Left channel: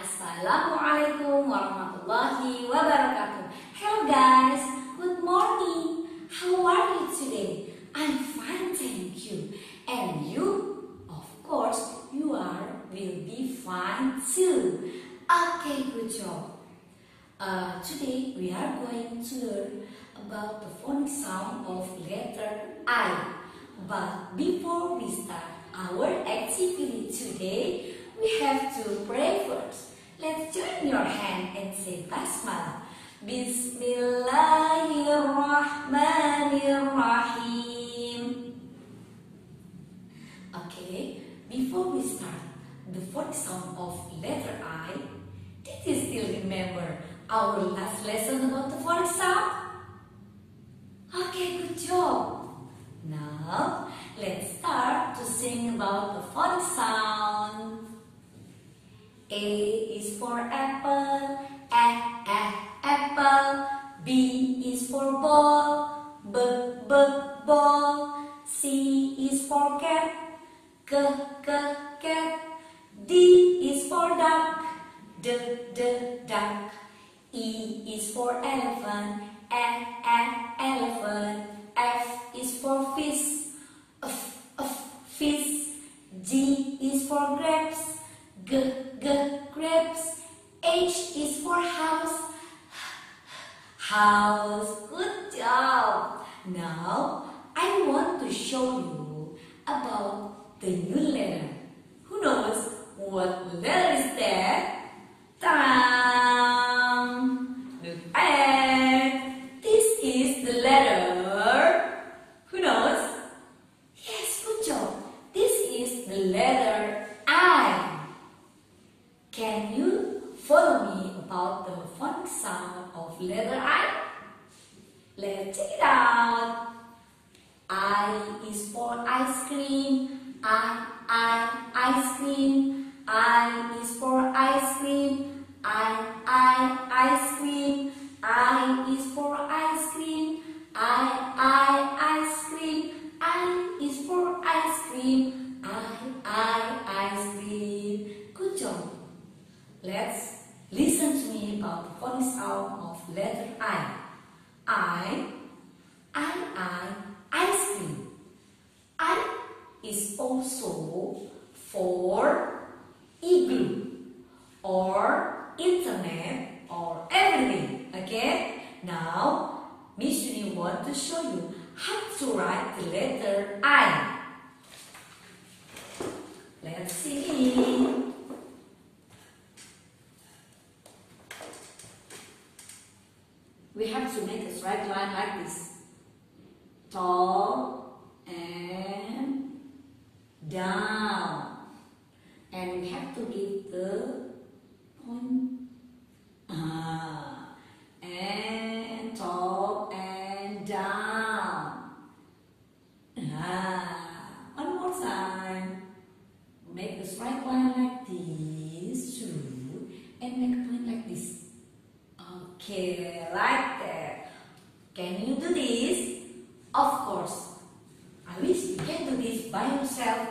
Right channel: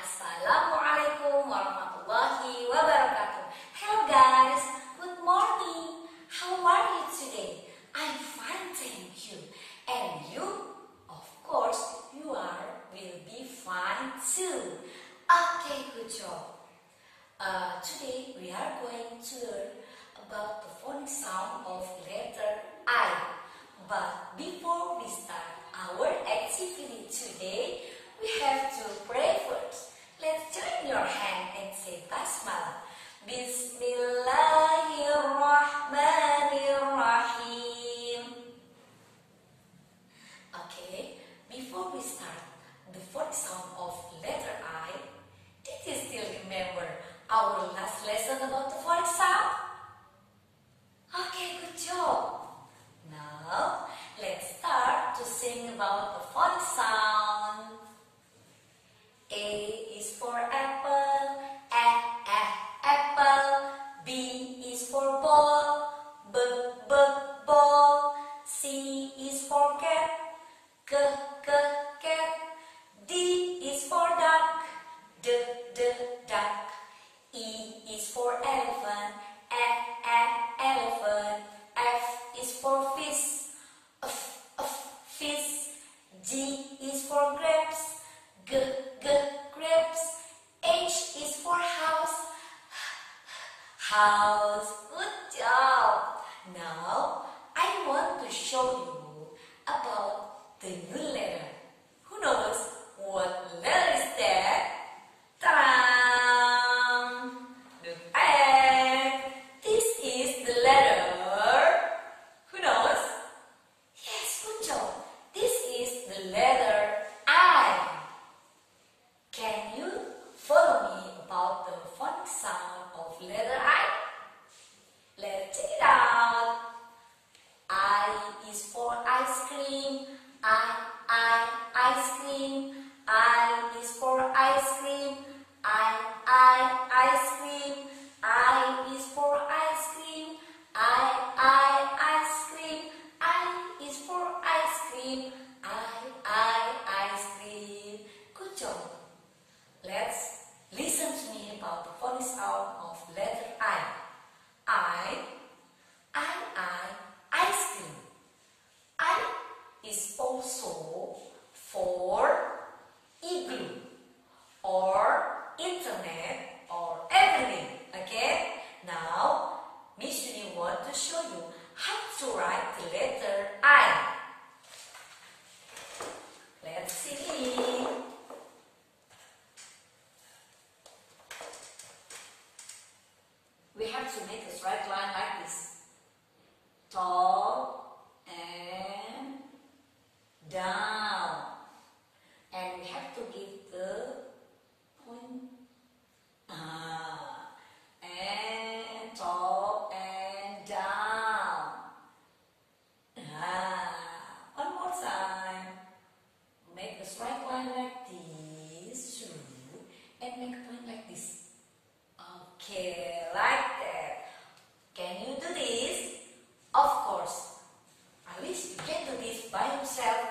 Assalamualaikum warahmatullahi wabarakatuh. Hello guys, good morning. How are you today? I'm fine, thank you. And you? Of course, will be fine too. Okay, good job. Today we are going to learn about the phonic sound of letter I. But before we start our activity today, we have to pray first. Let's join your hand and say Basmalah. Bismillahirrahmanirrahim. Okay, before we start the phonic sound of letter I, did you still remember our last lesson about the phonic sound? Okay, good job. Now, let's start to sing about the phonic sound. A is for apple, apple. B is for ball, ball. C is for cat, cat. D is for duck, duck. E is for elephant, elephant. F is for fish, fish. G is for grapes, grapes. H is for house, house. Good job. Now I want to show you about the new letter. Who knows what letter is that? Ta-da! Look at. This is the letter. Who knows? Yes, good job. This is the letter I. Can you follow me about the phonic sound of letter I? Let's check it out. I is for ice cream. Ice cream. I is for ice cream. Ice cream. I is for ice cream. Ice cream. I is for ice cream. Ice cream. Good job. Let's listen to me about the phonic sound of letter I. Ice cream. I is also for igloo or internet or everything. Okay? Now, Miss Yuni want to show you how to write the letter I. Let's see. We have to make a straight line like this. Top and down. And we have to give the point. And top and down. One more time. Make a straight line like this. Through. And make a point like this. Okay, like that. Can you do this? Of course. I wish you can do this by yourself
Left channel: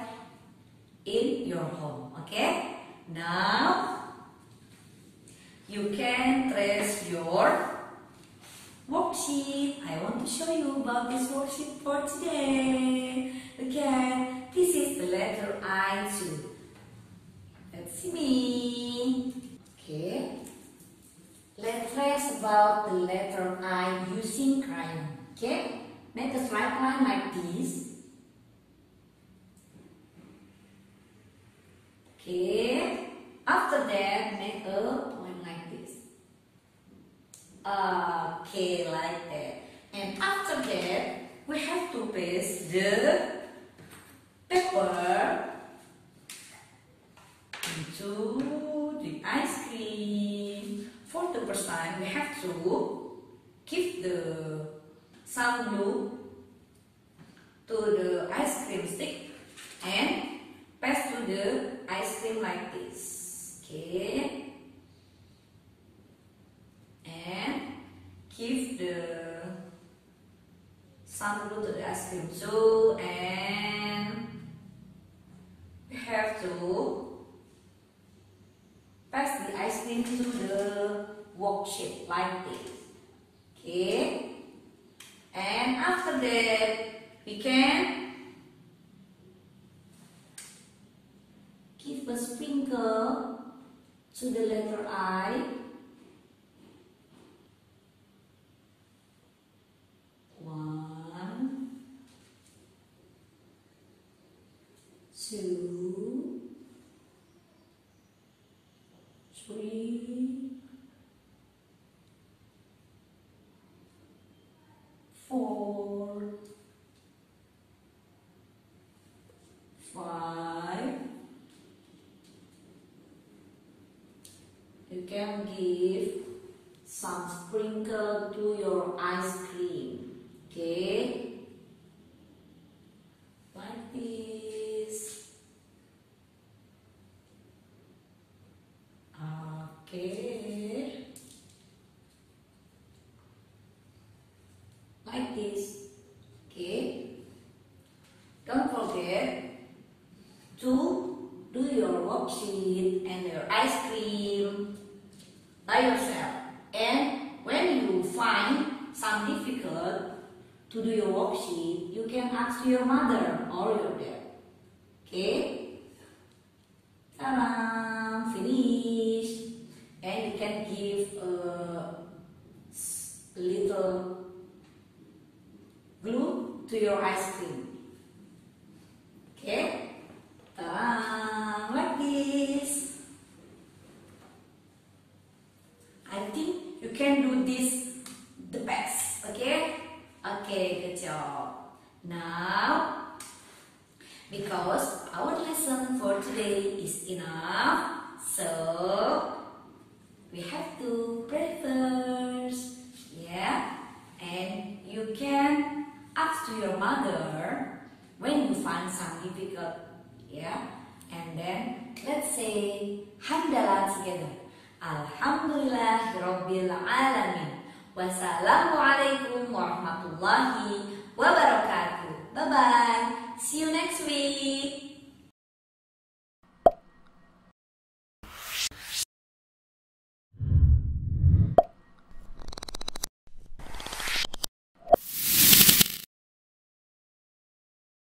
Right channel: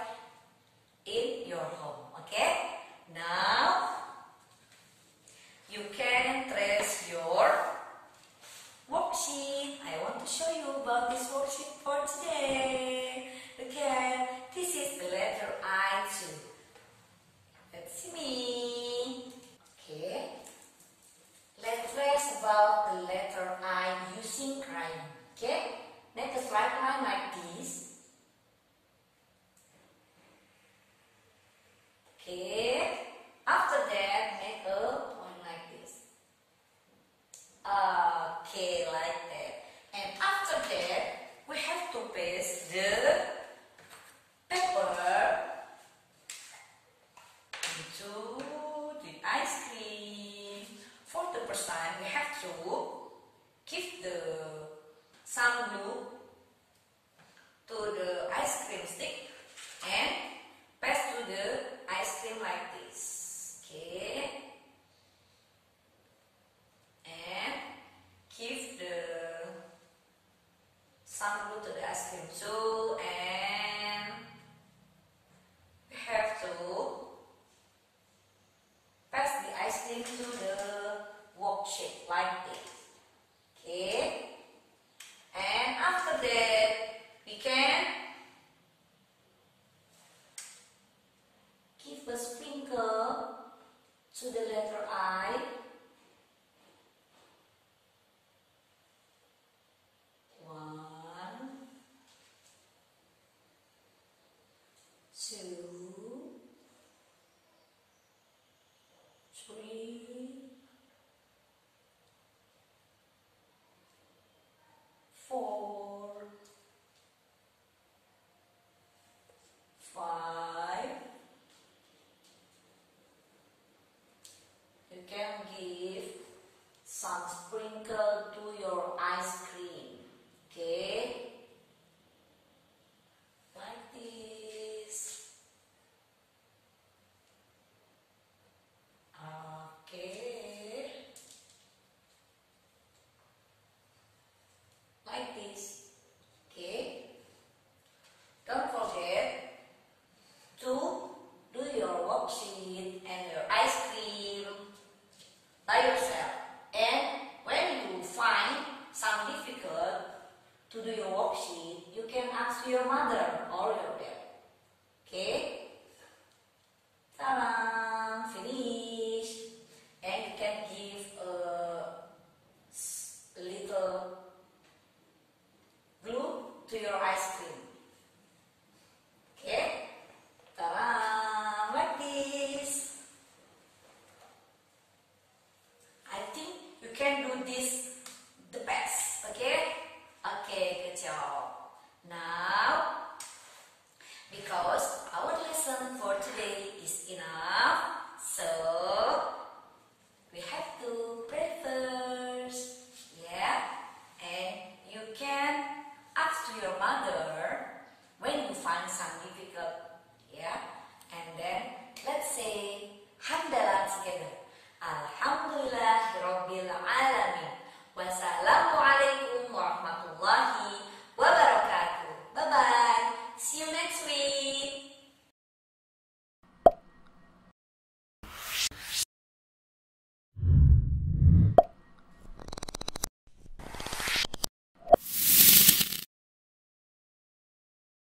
in your home. Okay? Now, you can trace your worksheet. I want to show you about this worksheet for today. Okay, this is the letter I too. Let's see me. Okay. Let's trace about the letter I using crayon. Okay? Make a straight line like this. Okay. After that, make a point like this. Okay, like that. And after that, we have to paste the paper into the ice cream. For the first time, we have to give the some glue to the ice cream stick and pass to the ice cream like this. Okay, and give the some glue to the ice cream too, and we have to pass the ice cream to the worksheet like this. Okay. And after that, we can give a sprinkle to the letter I. One, two, three, four, five. You can give some sprinkle to your ice cream. Okay, like this. Okay, like this. Okay, don't forget to do your worksheet and your ice cream by yourself. And when you find some difficult to do your worksheet, you can ask your mother or your dad. Okay? Ta-da! Finish. And you can give a little glue to your ice cream. Okay? Ta-da! Like this. I think you can do this the best. Okay? Okay, good job. Now, because our lesson for today is enough, so we have to pray first. Yeah? And you can ask to your mother when you find some difficult. Yeah? And then let's say hamdalah together. Alhamdulillahirabbil alamin. Wassalamualaikum warahmatullahi wabarakatuh. Bye bye. See you next week.